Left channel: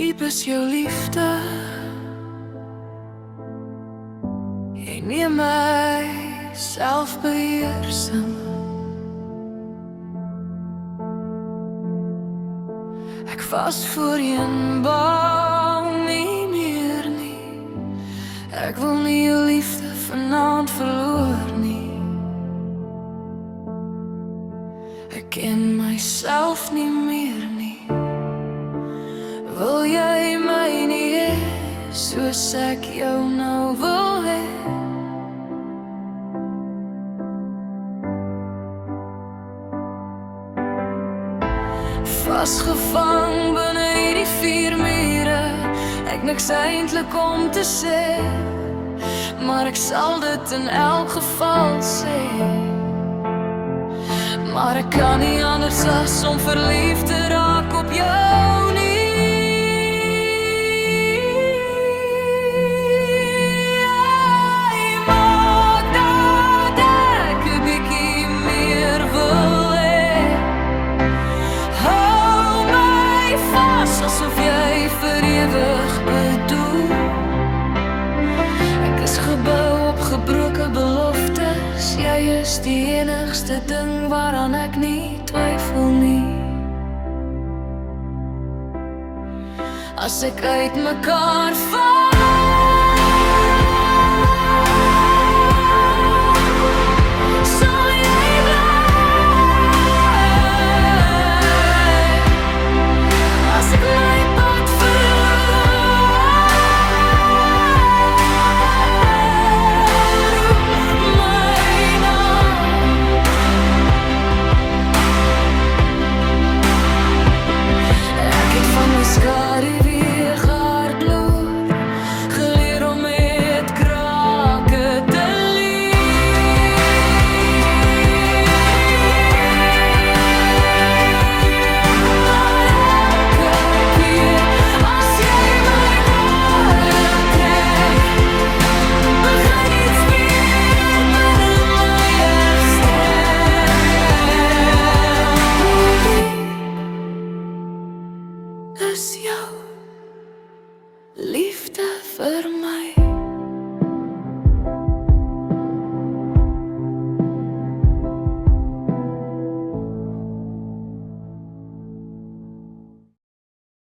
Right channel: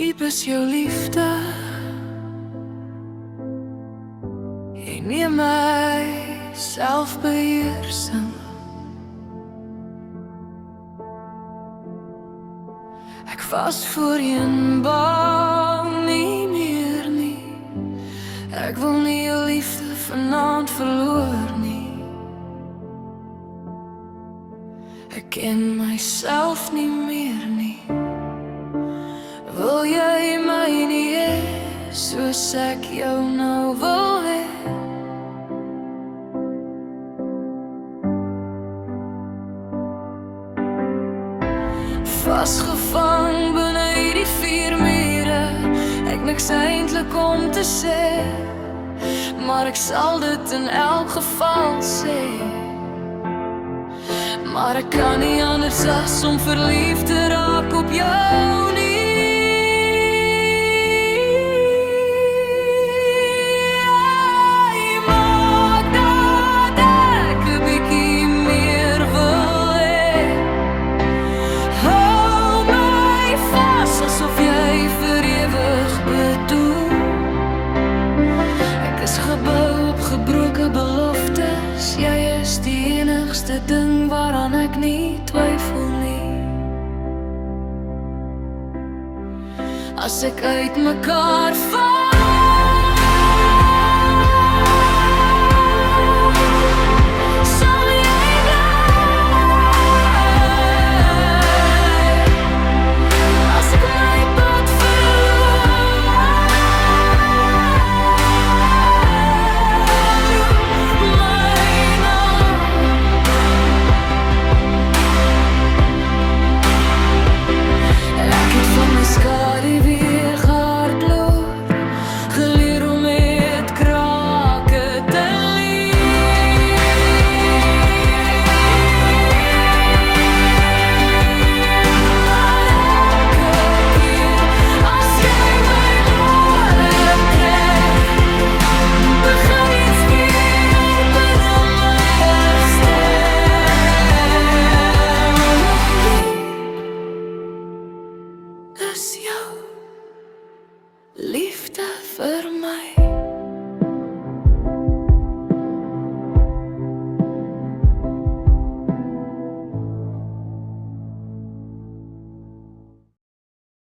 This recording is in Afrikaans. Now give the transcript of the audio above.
diep is jou liefde? Jy neem my selfbeheersing. Ek was voorheen bang, nie meer nie. Ek wil nie jou liefde vanaand verloor nie. Ek ken myself nie meer nie. Wil jy my nie hê, soos ek jou nou wil hê? Vasgevang binne hierdie vier mure, ek niks eintlik om te sê, maar ek sal dit in elk geval sê. Maar ek kan nie anders as om verliefd te raak op jou nie. Jy maak dat ek 'n bietjie meer wil hê. Hou my vas asof jy vir ewig bedoel. Ek is gebou op gebroke beloftes. Jy is die enigste ding waaraan ek nie twyfel nie. As ek uit mekaar val, sal jy bly. As ek my pad verloor, roep my naam. Ek het van my skadu weer gehardloop, geleer om met krake te leef. Maar elke keer as jy my nader trek, begin iets weer binne my herstel. Diep is jou liefde vir my.